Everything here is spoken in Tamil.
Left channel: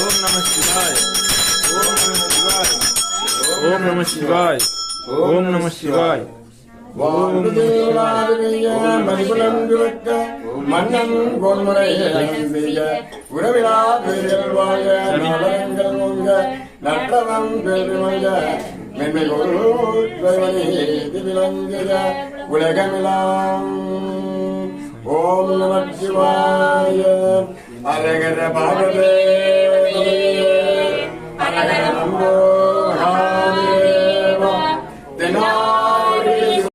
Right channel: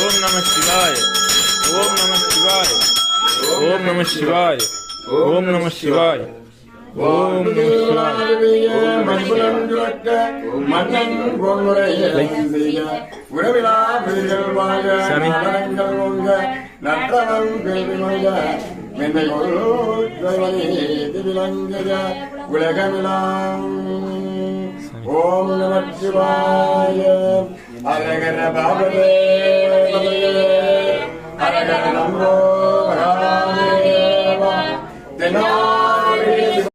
ஓம் நம சிவாய். ஓம் நம சிவாய். ஓம் நம சிவாய். மன்னன் உறவிழா வீரர்கள் வாழ நற்றவம் மென்மை உலகமெல்லாம். ஓம் நம சிவாய. அரகர பாபதே அரகர நம்போ